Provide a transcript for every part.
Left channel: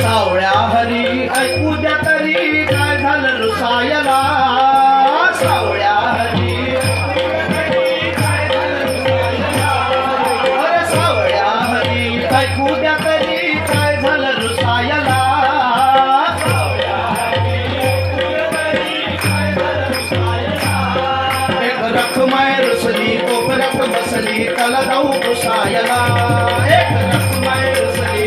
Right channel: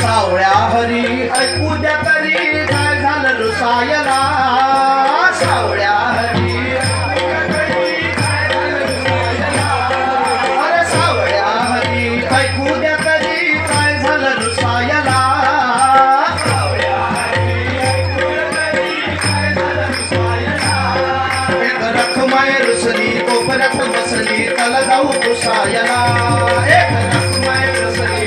सावळ्या हरी ऐकू द्या तरी काय झालं रुसायला सावळ्या हरी अरे सावळ्या हरी ऐकू द्या तरी काय झालं रुसायला एक रखमाय रुसली कोपऱ्यात बसली त्याला जाऊ रुसायला एक रखमाय रुसली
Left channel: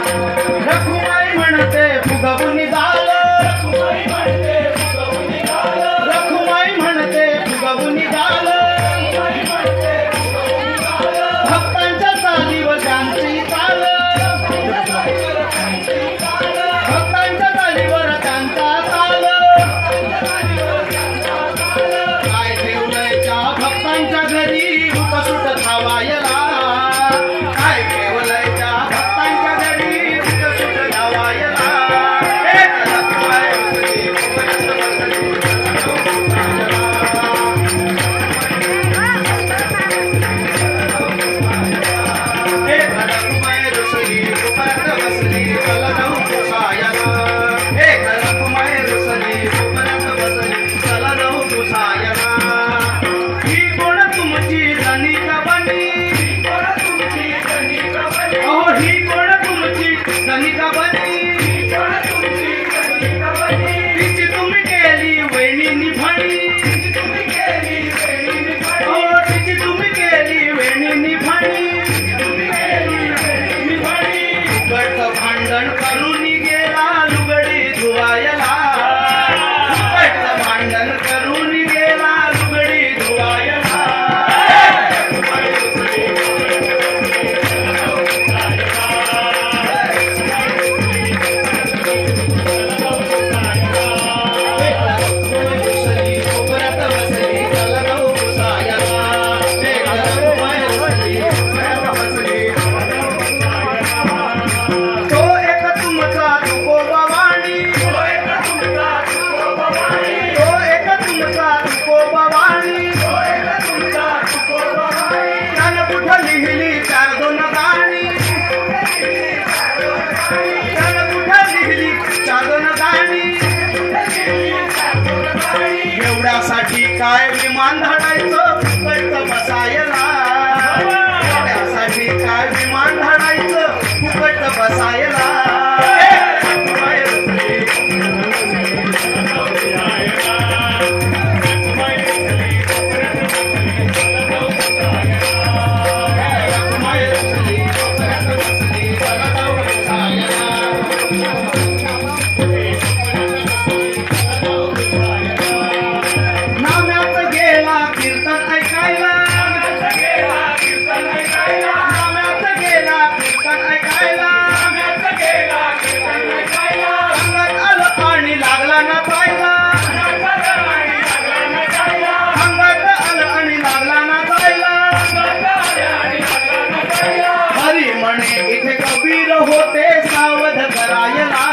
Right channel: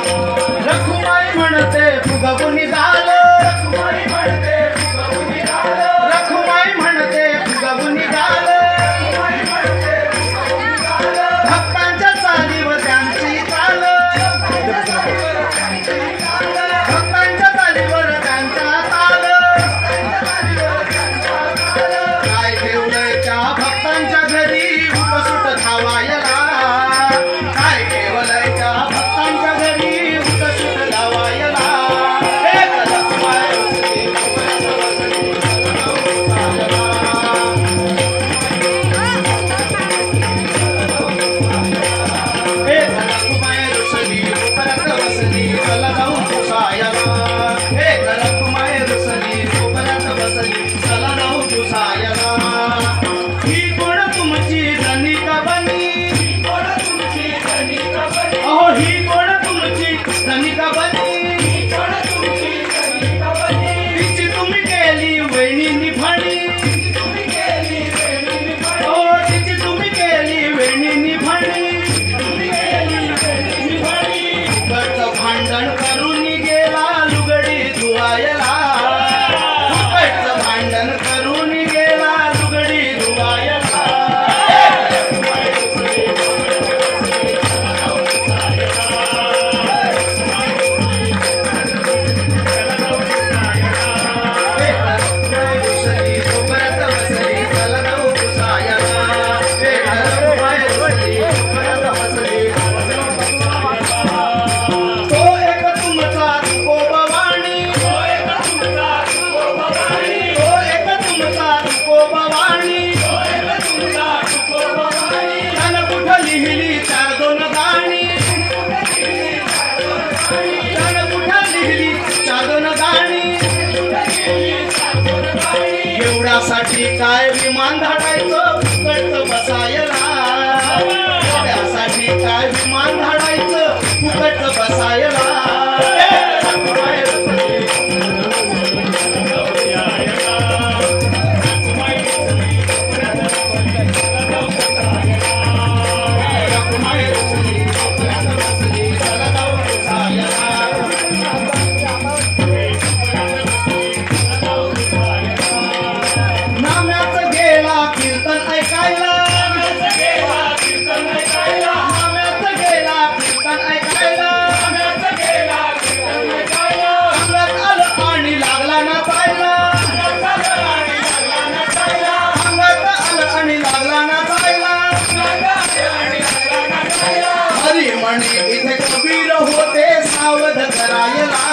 रखुमाई म्हणते फुगवून गाल रखुमाई म्हणते फुगवून गाल भक्तांच्या चालीवर त्यांची चाल भक्तांच्या चालीवर त्यांचा चाल काय ठेवलंय त्या भक्तांच्या घरी उठसुट धावायला काय ठेवलंय त्या भक्तांच्या घरी उठसुट धावायला एक रखमाय रुसली एक रखमाय रुसली कोपऱ्यात बसली चला जाऊ पुसायला एक रखमाय रुसली कोपऱ्यात बसली चला जाऊ पुसायला ही कोण तुमची धनिक बनी अहो ही कोण तुमची धनिक बनी तिची तुम्ही केली वेणी निभाणी हो तिची तुम्ही केली वेणी निभाणी फुकटचं भांडण करून गेला लुगडी धुवायला फुकटचं भांडण करून गेला लुगडी धुवायला कोपऱ्यात बसली चला जाऊ पुसायला एक रखमाय रुसली कोपऱ्यात बसली तो एक तुमचा तुकोबावाणी तो एक तुमचा तुकोबावाणी त्यानं कुठं लिहिली चार दोन गाणी त्यानं कुठं लिहिली चार दोन गाणी एवढ्यासाठी काय विमान धाडायचं फुकट बसायला एवढ्यासाठी काय विमान धाडायचं फुकट बसायला रखमाय रुसली रखमाय रुसली कोपऱ्यात बसली चला जाऊ पुसायला नाम्याचं गेला कीर्तन ऐकायला नाम्याचं गेला कीर्तन ऐकायला अंगात आलं आणि लागला ना पायला अंगात आलं आणि लागला ना पायला हरी म्हणे इथे कबीर होते सावध करायला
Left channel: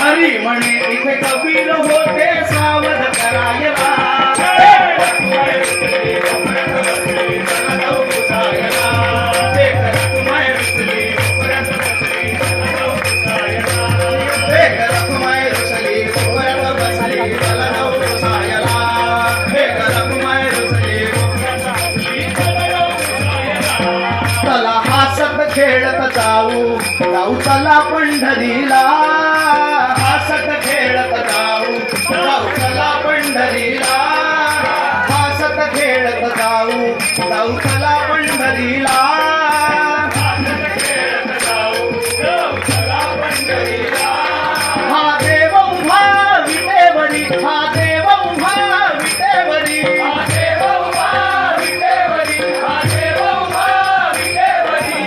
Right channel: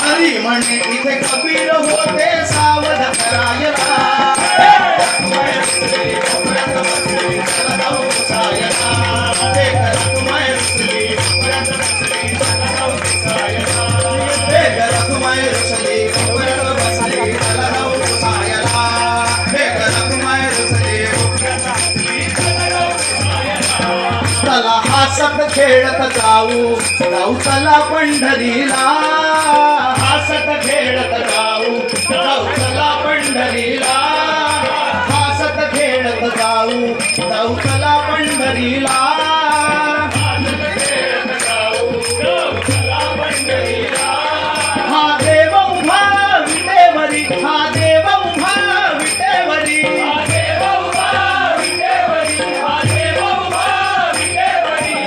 हरी म्हणे इथे कबीर होते सावध करायला एक रखमाय रुसली कोपऱ्यात बसली चला जाऊ पुसायला एक रखमाय रुसली कोपऱ्यात बसली चला जाऊ पुसायला एक रखमाय रुसली चला हसत खेळत जाऊ जाऊ चला पंढरीला हसत खेळत जाऊ जाऊ चला पंढरीला हसत खेळत जाऊ जाऊ चला पंढरीला हा देव उभा विटेवरी हा देव उभा विटेवरी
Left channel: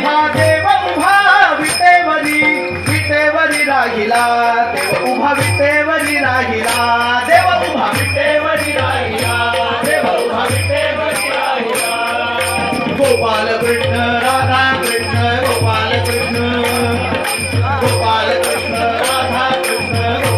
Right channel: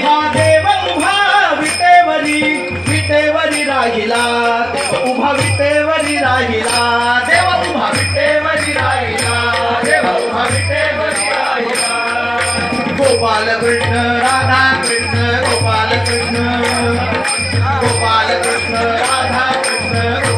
हा देव उभा विटेवरी विटेवरी राहिला देव उभा विटेवरी राहिला देव उभा विटेवरी राहिला देव उभा विटेवरी राहिला गोपाल कृष्ण राधा कृष्ण गोपाल कृष्ण राधा कृष्ण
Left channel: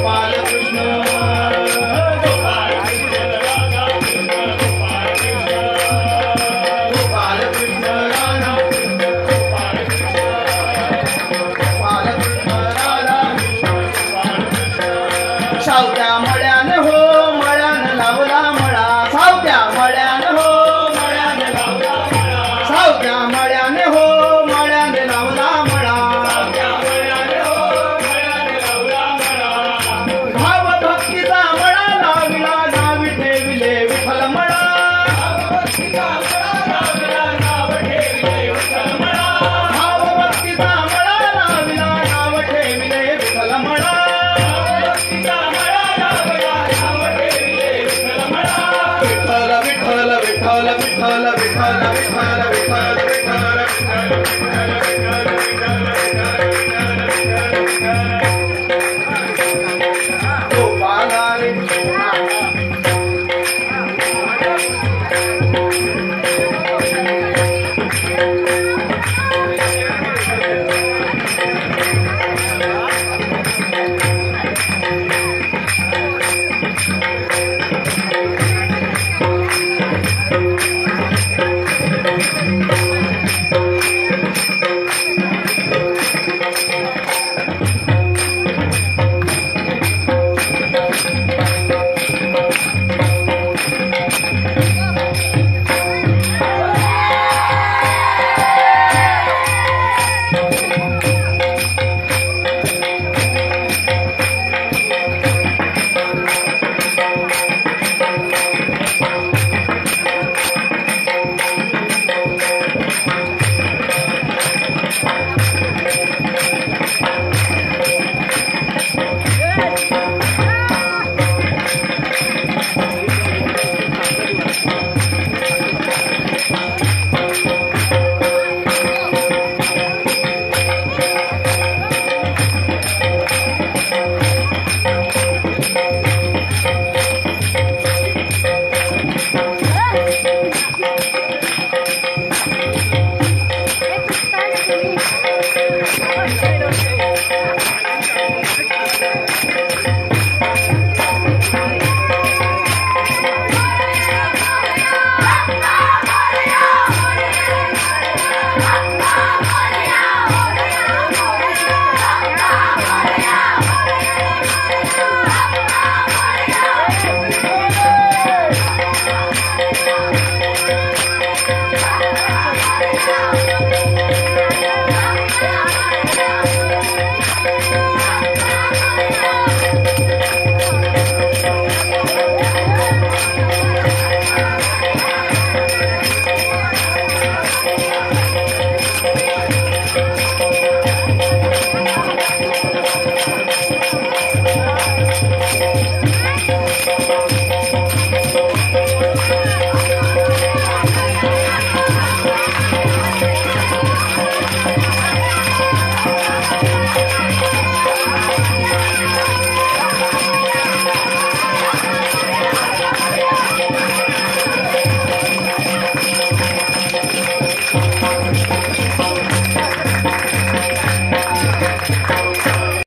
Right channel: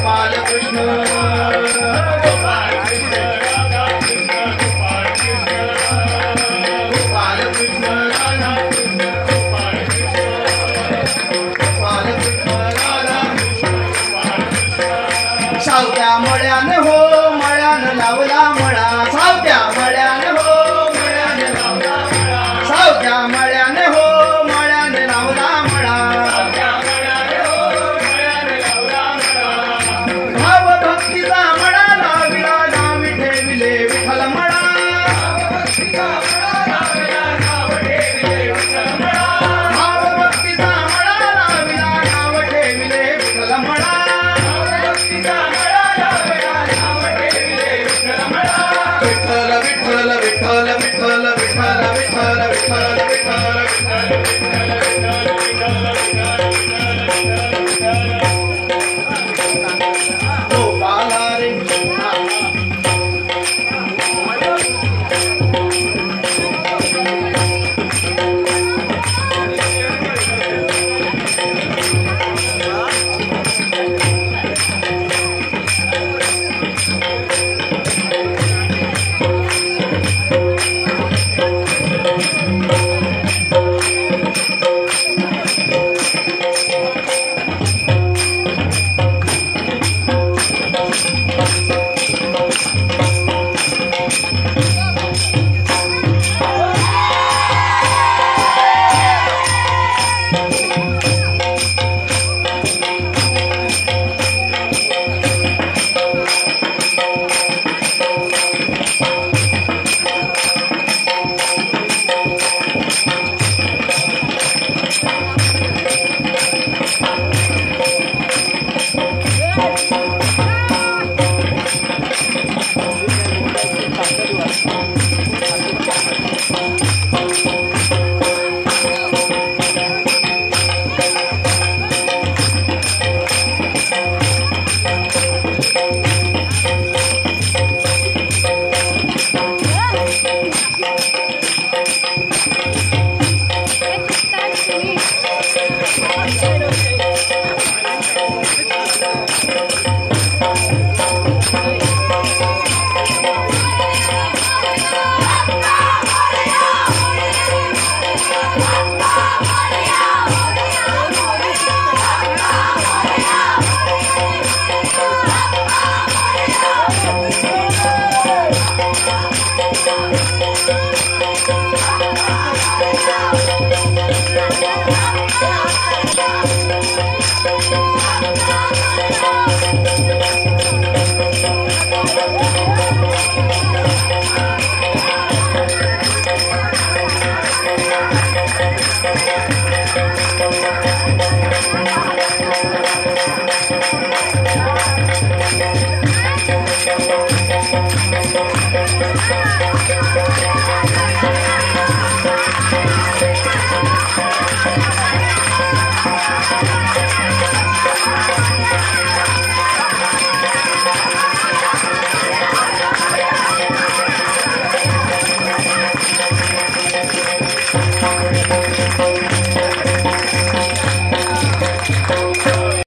Thank you.